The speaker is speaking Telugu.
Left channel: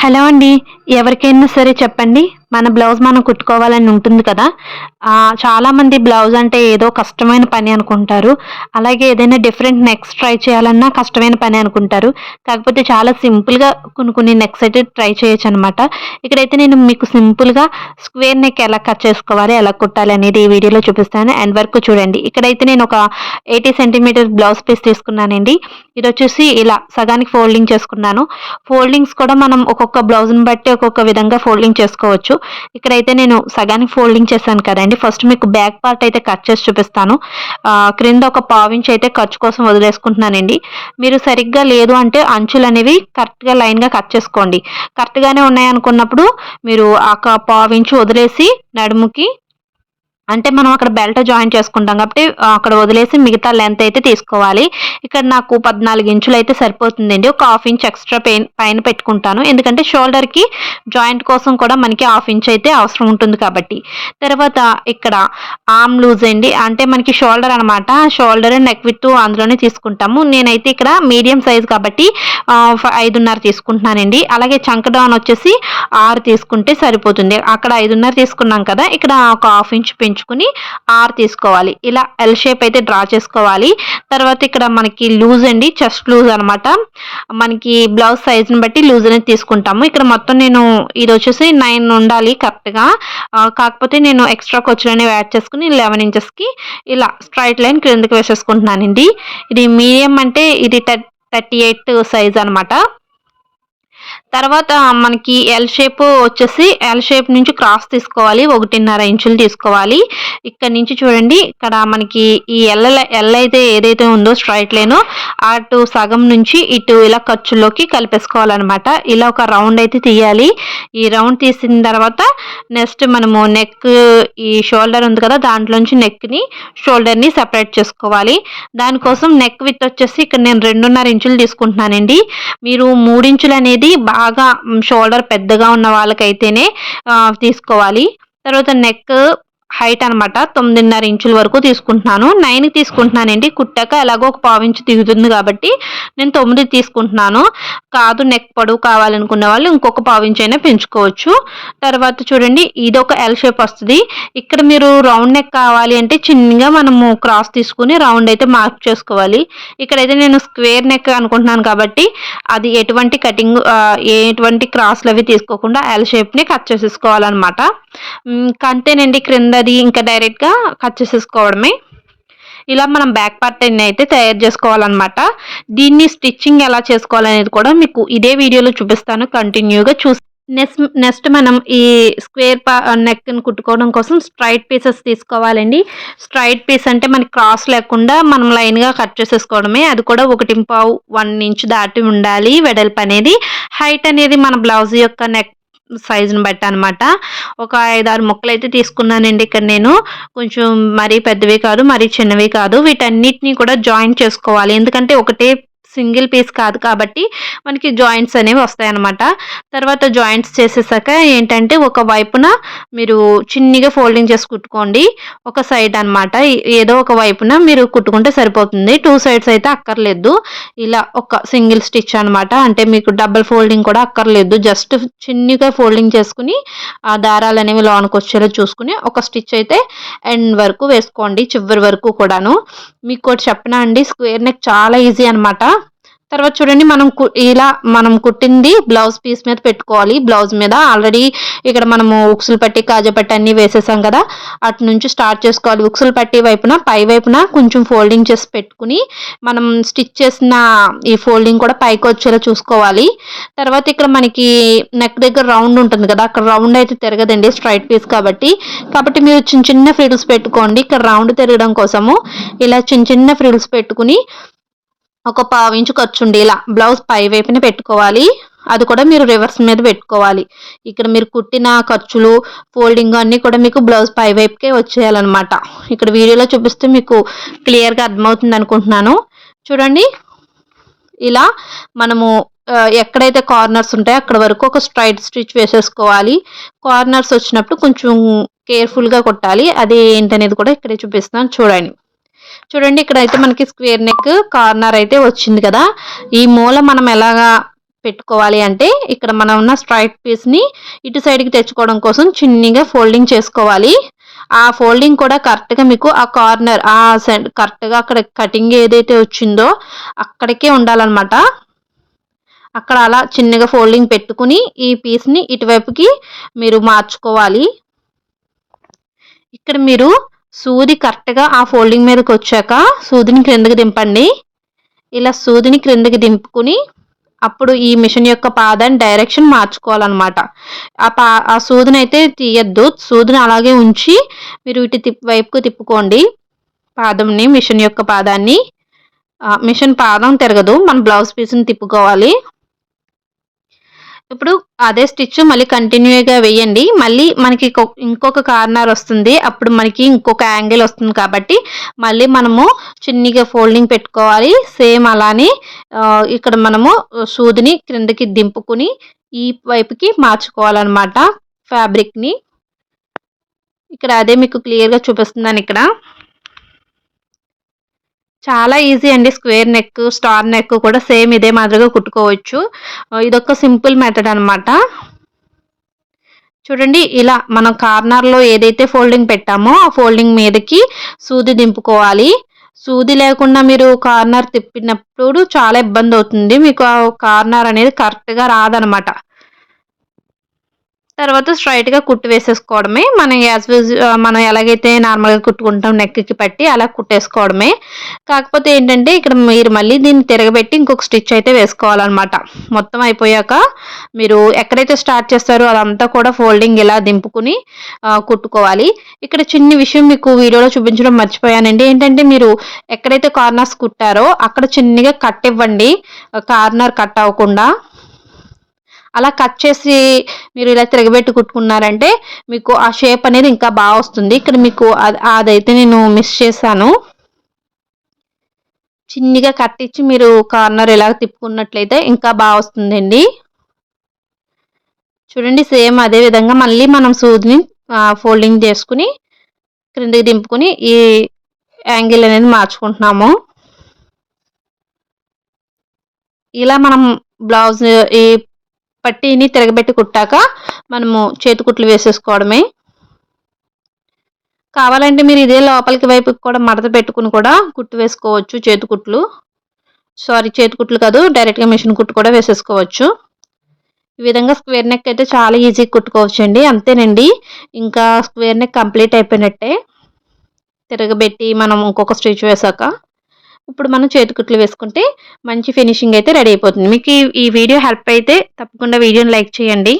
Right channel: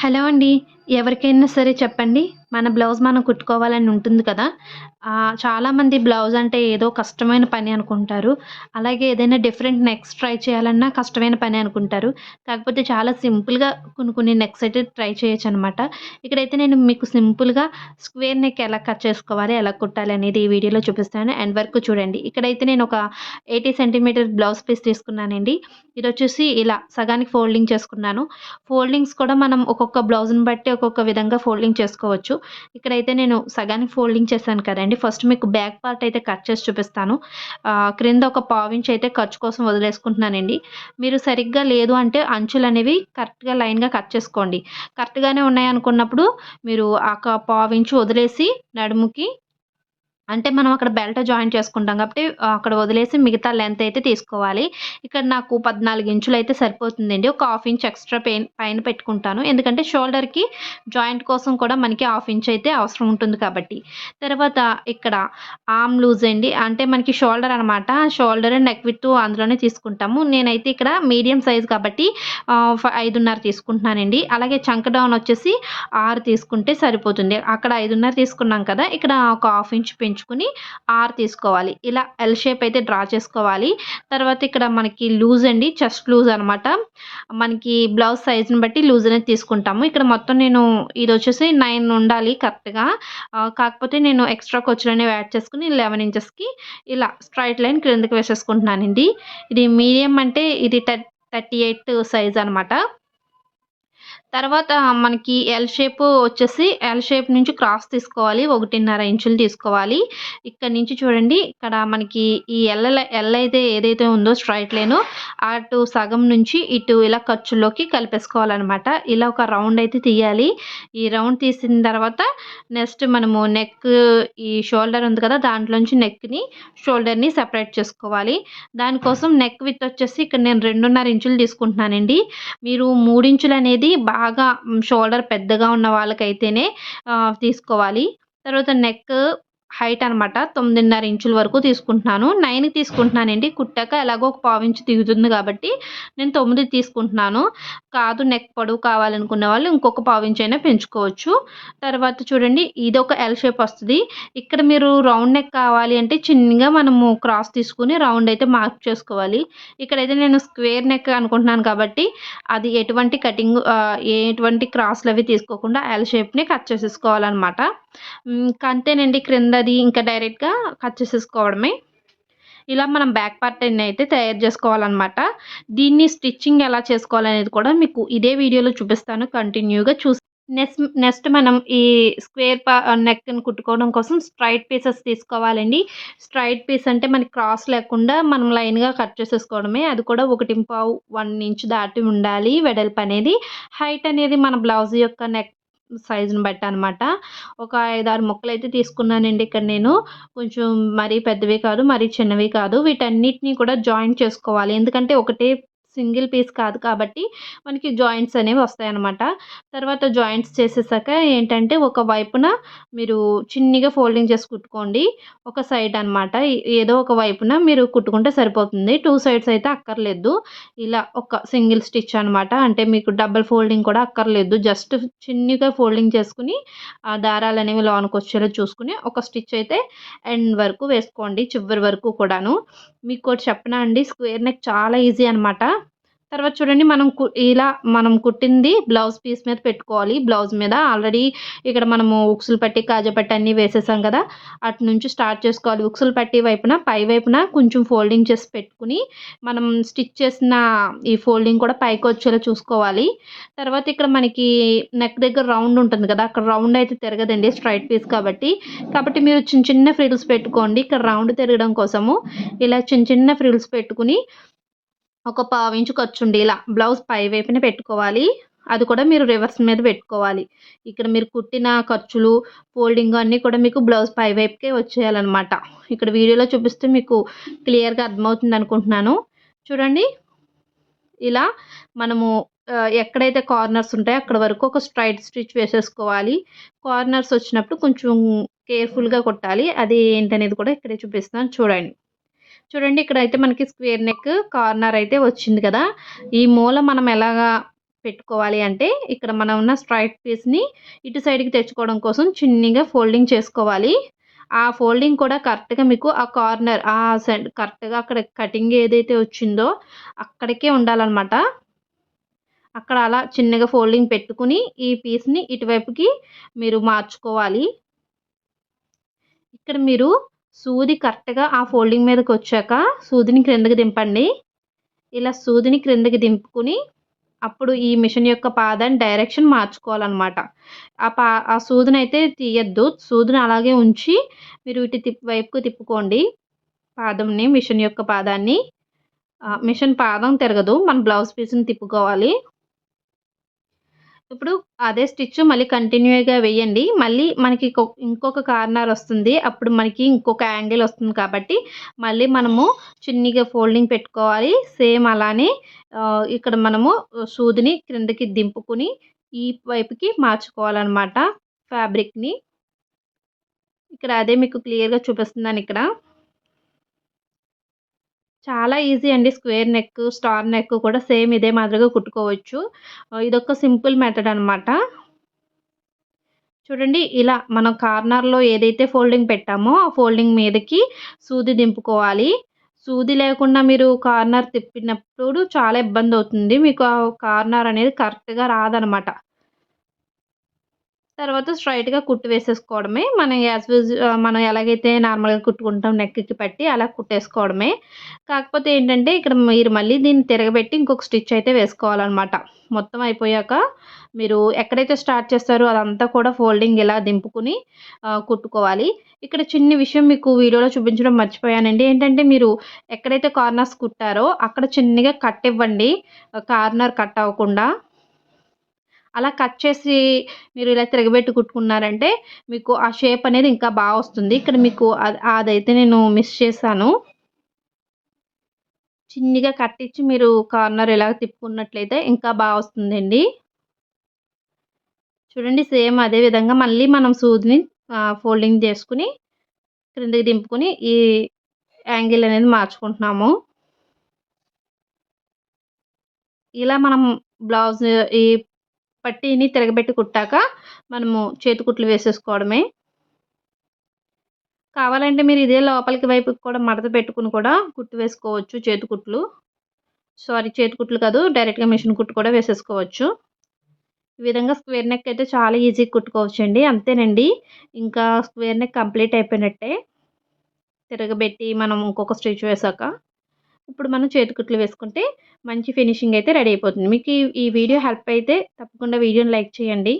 హలో అండి. ఎవరికైనా సరే చెప్పండి. మన బ్లౌజ్ మనం కుట్టుకోవాలని ఉంటుంది కదా! చాలామంది బ్లౌజ్ అంటే ఏదో కష్టమైన పని అనుకుంటారు. అలాగే ఏదైనా డిఫరెంట్ నెక్స్ ట్రై చేయాలన్నా కష్టమైన పని అనుకుంటారు. కాకపోతే చాలా సింపుల్‌గా కొన్ని నెక్స్ అయితే ట్రై చేయొచ్చనమాట. ఇక్కడైతే నేను మీకు సింపుల్‌గా స్క్వేర్ నెక్ ఎలా కట్ చేసుకోవాలి, ఎలా కుట్టాలి అనేది ఈ వీడియోలో చూపిస్తాను. ఎండ్ వరకు చూడండి. ఇక్కడైతే నేను ఒక 80 సెంటీమీటర్ బ్లౌజ్ పీస్ తీసుకున్నానండి. ఇదొచ్చేసి ఇలా సగానికి ఫోల్డింగ్ చేసుకున్నాను. ఫోల్డింగ్స్ కూడా మనం ఒక్కొక్క బ్లౌజ్‌ని బట్టి ఒక్కొక్క విధంగా ఫోల్డింగ్ చేసుకోవచ్చు. ఇక్కడైతే నేను సగానికి ఫోల్డింగ్ చేశాను కదండీ! ఫస్ట్ మీకు బ్యాక్ పార్ట్ అయితే కట్ చేసి చూపిస్తాను. క్రింద ఒక పావించి అయితే ఖర్చు కోసం వదిలేసుకుంటున్నానండి. మీరు సరిగ్గా లేదు అంటే అంచులనేవి కరెక్ట్‌గా లైన్‌గా కట్ చేసుకోండి. కరెక్ట్‌గానే ఉన్నాయనుకున్నప్పుడు మీరు పావించి వదిలేసి నడుముకి అంటే మనం అక్కడ బెల్ట్ జాయిన్ చేసుకుంటాం కాబట్టి అక్కడ వదిలేసి మిగతా లెంత్ అయితే తీసుకోవాలి. ఇక్కడ నాకు 14 ఇంచులయితే సరిపోతుందండి. ఒక హాఫ్ ఇంచ్ ఎక్స్‌ట్రా పైన పెట్టుకుంటాను. ఎందుకంటే షోల్డర్‌కి జాయింట్ కోసం కూడా మనకి హాఫ్ ఇంచ్ అయితే అవసరం ఉంటుంది కాబట్టి. తర్వాత ఇక్కడ ఆర్మ్ లూజ్ అండి. అంటే మనకి షోల్డర్ అనమాట. షోల్డర్, నెక్ విడ్త్ అందులోనే తీసుకుంటాము. నేనైతే ఇక్కడ మీడియం సైజ్ కాబట్టి 5.5 తీసుకుంటున్నానండి. అలాగే చంక డౌన్ వచ్చేసి 6 తీసుకుంటే సరిపోతుంది. అక్కడ 5.5 తీసుకున్నాం కదా! ఇక్కడ ఒక హాఫ్ ఇంచ్ పెంచుకొని 6 తీసుకోవాలి. ఇలా ఎల్ షేప్ అయితే డ్రా చేసుకోవాలి. తర్వాత ఇక్కడ మనకి లూజ్ అండి. చెస్ట్ లూజ్ అనమాట. మనకి బ్లౌజ్ సైజ్‌ని బట్టి లూజ్ అనేది తీసుకుంటాము. ఇక్కడ మొత్తం నేను ఇదొచ్చేసి 9 ఉండాలి కరెక్ట్‌గా. కాకపోతే నేను ఎక్స్‌ట్రా ఖర్చులనేవి యాడ్ చేసుకొని 11 ఇంచెస్‌కి ఇలా స్ట్రెయిట్ లైన్ క్రిందకి వేసేసుకుంటున్నానండి. ఇది మీడియం అంటే ఇది 38 సైజ్ అనమాట. తర్వాత మనకి ఎల్ షేప్ వచ్చేసి ఎల్ షేప్ నుంచి క్రాస్ తీసుకోవాలి. 1.5 ఇంచులు తీసుకోవాలి. ఇక్కడి నుంచి చూడండి ఇక్కడ మనకి ఈ ఎల్ అయితే ఏదైతే ఉందో స్ట్రెయిట్ లైను అటు సగం నుంచి ఇటు ఇలా ఖర్చులోకి కలిపేసుకోవాలనమాట. ఇలా ఒక రౌండ్ అయితే తీయాలి. ఈ రౌండ్ తీసిన తర్వాత నెక్స్ట్ మనము నెక్ ఈ షోల్డర్ ఉంది కదా! దాంట్లోంచి నెక్‌ని, షోల్డర్‌ని సెపరేట్ చేసుకోవాలి. దానికోసం నెక్ విడ్త్ వచ్చేసి ఇక్కడ నేను 2.5 ఇంచులు తీసుకుంటున్నానండి. మీరు 3 ఇంచులనేది బాగా షోల్డర్ పెద్దగా ఉన్న వాళ్ళకైతేనే తీసుకోవాలి. తర్వాత నెక్ హైట్ అనమాట 9.5 ఇంచుల వరకు తీసుకుంటున్నాను. 9కి తీసుకుంటున్నానండి. కుట్టాక ఎలాగో ఒక పావించి దిగుతుంది కాబట్టి నేను 9 తీసుకుంటున్నాను. కాదు నెక్ పొడవు కావాలనుకునే వాళ్ళు ఇంకొక పావించైనా పెంచుకోవచ్చు. తర్వాత చూడండి ఇదొక ఎల్ షేప్ వస్తది. ఇక్కడ మీరు రౌండ్ నెక్ కావాలి అంటే చిన్నగా మనము క్రాస్ తీసుకొని రౌండ్ అయితే మార్క్ చేసుకోవాలి. ఇక్కడైతే నేను స్క్వేర్ నెక్ అనుకుంటున్నాను కాబట్టి అది ఎటువంటి క్రాస్‌లవి తీసుకోకుండా ఎల్ షేప్‌ని కట్ చేసేసుకోవాలనమాట. అంతేనండి క్రిందది ఇంకా డైరెక్ట్‌గా కట్ చేసేసుకోవడమే. ఇలా మనం బ్యాక్ పార్ట్‌ని అయితే తయారు చేసుకోవాలనమాట. దీన్ని స్టిచ్చింగ్ ఎలా చేసుకోవాలనేది కూడా మీకు ఇదే వీడియోలో చూపిస్తాను కంటిన్యూగా నెక్స్ట్ మనం ఈ స్క్వేర్ నెక్‌ని కుట్టుకోవడం కోసం స్ట్రెయిట్ పీసెస్ తీసుకోవాలండి. స్ట్రెయిట్ పీస్ అంటే మనకి క్రాస్ లేకుండా మనం లైన్‌గా కట్ చేసేసుకోవడమే. అది కూడా 1.5, 1 ఇంచ్ దాటి ఉండాలి వెడల్పనేది. హైట్ అనేది మన బ్లౌజ్ యొక్క నెక్ సైజ్‌ని బట్టి అనమాట. ఒక 5, 6 ముక్కలైతే తీసుకున్నానండి ఇక్కడ నేను. కొంచెం మరీ పెద్దవి కాదు, మరీ చిన్నవి కాదు. వీటన్నిటిని కూడా జాయింట్ చేసుకోవాలి. ఎందుకంటే ఒకటే సింగిల్ పీస్ కాదు కాబట్టి మనకి జాయింట్స్ అనేవి వస్తాయన్నమాట. తర్వాత జాయింట్స్ చేసేసాక ఏంటంటే ఒక వైపున మీరు చిన్నగా ఫోల్డింగ్ చేసి కుట్టుకోండి. ఒక సైడ్ అనమాట. ఏదో ఒక వైపున మీరు కుట్టుకుంటే సరిపోతుంది. 2 సైడ్స్ అయితే అక్కర్లేదు. ఇలా ఒక సింగిల్ స్టిచ్ అనమాట. అంటే మీకు డబుల్ ఫోల్డింగ్ కూడా అక్కర్లేదు. జస్ట్ చిన్నగా ఫోల్డింగ్ చేసుకొని ఆ దారాలనేవి లోనకొచ్చేలా చూసుకొని ఒక స్టిచ్ అయితే ఎండ్ వరకు వేసుకోండి. చివరి వరకు కూడాను. మీకోటి చెప్పనా అండి స్క్వేర్ నెక్ చాలా ఈజీ అనమాట. తర్వాత చూడండి మనం కుట్టింది బ్లౌజ్ పీస్ మీద పెట్టుకోవాలి. బ్లౌజ్ మీద ఆల్రెడీ ఇక్కడ మనము ఉక్సులు పట్టి, కాజా పట్టి అన్నీ వేసేసాం కదా! అటు నుంచి స్టార్ట్ చేసుకోవాలి. ఉక్సులు పట్టి వైపున పై వైపున కొంచెం ఫోల్డింగ్ చేసి పెట్టుకొని మనం స్టిచ్ చేసిన ఈ ఫోల్డింగ్ కూడా పైకొచ్చేలా చూసుకోవాలి. తర్వాత ఇక్కడ మనకి నెక్ దగ్గర రౌండ్ ఉంటుంది కదా! అక్కడ రౌండ్ అయితే తిరగదండి స్ట్రెయిట్ పీస్ కాబట్టి. కాబట్టి మీరు చిన్న ఫ్రిల్స్ పెట్టుకోండి. ఇక్కడ రౌండ్ తిరగడం కోసము ఇలా చిన్న ఫ్రిల్స్ పెట్టుకొని ఒక పావించు ఖర్చుండేలా బ్లౌజ్ పై వైపున పెట్టుకోవాలి. అది కూడా మీరు రివర్స్ మీద పెట్టుకోవాలి. ఇక్కడ మీరు కుట్టిన ఖర్చులు, ఫోల్డింగ్ అన్నీ కూడా మీకు బ్లౌజ్ పై వైపుకే వచ్చేయాలనమాట. ఇక్కడ వీడియోలో చూపిస్తే మీకు క్లియర్‌గా అర్థమవుతుంది అనుకుంటున్నాను. చూడండి ఇలా మనము ఎక్కడైతే కార్నర్స్ ఉంటాయో అక్కడ వరకు ఒక స్ట్రెయిట్ స్టిచ్ వేసేసుకోవాలి. కార్నర్స్ వచ్చినప్పుడు కొంచెం కేర్‌ఫుల్‌గా కుట్టాలి. అది ఏంటనేది కూడా ఇక్కడే చూపిస్తున్నాను చూడండి. చూడండి ఇక్కడైతే మనకి స్క్వేర్ నెక్ కార్నర్ అయితే వచ్చింది కదా! ఈ మూల మనం ఎలాగా పెట్టుకోవాలి అంటే ఇక్కడ మనం ఉన్న స్ట్రైట్ పీస్‌ని ఇటు సైడ్‌కి తెచ్చుకోవడం కోసం చిన్నగా ఫోల్డింగ్ చేసుకోవాలి. ఆ ఫోల్డింగ్ కూడా కరెక్ట్‌గా మీకు ఆ కార్నర్ కరెక్ట్‌గా అక్కడ కటింగ్ ఏదైతే వచ్చిందో అక్కడికే ఉండాలనమాట. అక్కడ అలా చిన్నగా ఫోల్డింగ్ పెట్టుకుని ఈ పీస్‌ని ఇటువైపుకి మీరు మార్చుకోవాలి. ఇక్కడ మీరు సూది కరెక్ట్‌గా ఆ ఫోల్డింగ్ మీదకొచ్చాక సూదిని క్రిందకి దింపండి. ఇలా సూదిని క్రిందకి దింపుకొని అప్పుడు ఈ మిషన్ యొక్క పాదాన్ని డైరెక్షన్ మార్చుకోవాలనమాట. ఆ సూదినైతే తీయొద్దు. సూదిని అలాగే ఉంచి మీరు ఇటు వైపుకు తిప్పుకోండి పాదంని, మిషన్ యొక్క పాదాన్ని. మిషన్ పాదం తిరగదు. మనం బ్లౌజ్ పీస్‌ని తిప్పుకోవాలి. ఇప్పుడు అదే స్టిచ్ మళ్ళీ కంటిన్యూ‌గా వేయండి. మళ్ళీ మనకి ఇంకొక కార్నర్ వస్తుంది. అప్పుడు మనకి ఇంకొక యాంగిల్ వస్తుంది కాబట్టి మళ్ళీ మనము చిన్నగా ఫోల్డింగ్ పెట్టుకోవాలి. సేమ్ అలానే ఇక్కడ మనము సూదిని క్రిందకి దింపుకొని ఈ వైపుకి మార్చుకోవాలనమాట ఫ్యాబ్రిక్‌ని. ఇక్కడ అదే మీకు క్లియర్‌గా చూపిస్తున్నానిక్కడ. చాలా ఈజీ అండి. స్క్వేర్ నెక్, స్టార్ నెక్ కూడా సేమ్ ఇదే మాదిరిగా కుట్టుకోవచ్చు. ఇదొక సింపుల్ మెథడ్ అనమాట. చూడండి ఇలా మనం కార్నర్‌లో ఏదైతే ఫోల్డింగ్ పెట్టామో ఆ ఫోల్డింగ్ మీదకి సూది దింపుకోవాలి. సూది లేకుండా మీరు కార్నర్ తిప్పినప్పుడు చాలా ఇబ్బందవుతుంది. మీకు ఆ కార్నర్ అనేది కరెక్ట్‌గా రాదనమాట. తర్వాత స్ట్రెయిట్‌గా కుట్టు వేసేసుకోవడమే. మనం ఎలాగైతే నార్మల్‌గా కుట్టుకుంటాం నెక్‌కి పట్టి అలా కుట్టేసుకోవడమే. కాకపోతే ఏంటంటే ఇక్కడ మీరు మళ్ళీ దీన్ని తిరగబెట్టి ఇంకొక స్టిచ్ అయితే వేసుకోవాలనమాట. మొత్తం అయిపోయాక మీరు ఎక్కడైతే స్టార్ట్ చేస్తారో అదంతా కూడా ఫోల్డింగ్ ఇలా దింపుకొని కుట్టుకోవాలి. ఇక్కడ చిన్ని విషయం మీకు వీడియోలో చూపించడం మర్చిపోయానండి. ఏంటంటే మీరు ఎక్కడైతే కార్నర్స్ కుట్టారో అక్కడ చిన్నగా కట్ ఇవ్వండి. కార్నర్ కట్ అవ్వకుండా. అలా కట్ చేసి మీరు ఇలా తిరగబెట్టి కుట్టుకున్నారంటే మీకు ఆ షేప్ అనేది ఇంకా బాగా వస్తుంది. ఇక్కడ మీకు అదైతే నేను మిస్ చేశాను. చిన్నగా కట్ ఇచ్చి మీరు కార్నర్ ఇలా తిప్పుకున్నట్లయితే ఇంకా బాగా వస్తుందండి. చూడండి సేమ్ అదే విధంగా మళ్ళీ మనం సూదిని ఫోల్డింగ్ చేసుకొని క్రిందికి దింపుకొని ఈ యాంగిల్ అనేది మార్చుకుంటున్నాము. ఇలా మనం బ్లౌజ్ ఈ పట్టీని తిరగబెట్టి కుట్టాక మనము చేతి కుట్లు వేసేసుకోవడమే. కావాలంటే మీరు ఇదే లోపలికి వైపుకి కూడా మడత పెట్టుకుని కూడా కుట్టు వేసుకోవచ్చు చేతి కుట్లు. చేతి కుట్లు కాదు డైరెక్ట్‌గా మిషన్ కుట్టు కూడా వేసేసుకోవచ్చు. ఈ విధంగా స్క్వేర్ నెక్ అయితే చాలా ఈజీగా కుట్టుకోవచ్చండి. అంతేనండి. ఇంకా స్క్వేర్ నెక్ కంప్లీట్ అయిపోయినట్టే. తిరగబెట్టి మనం ఇంకొక స్టిచ్ వేశాక ఇప్పుడు మనం చేతి కుట్లు వేసుకుంటే మంచి ఫినిషింగ్ అయితే రెడీ అయిపోతుంది. మీకు ఈ వీడియో హెల్ప్ అయితే తప్పకుండా వీడియోని లైక్ చేయండి.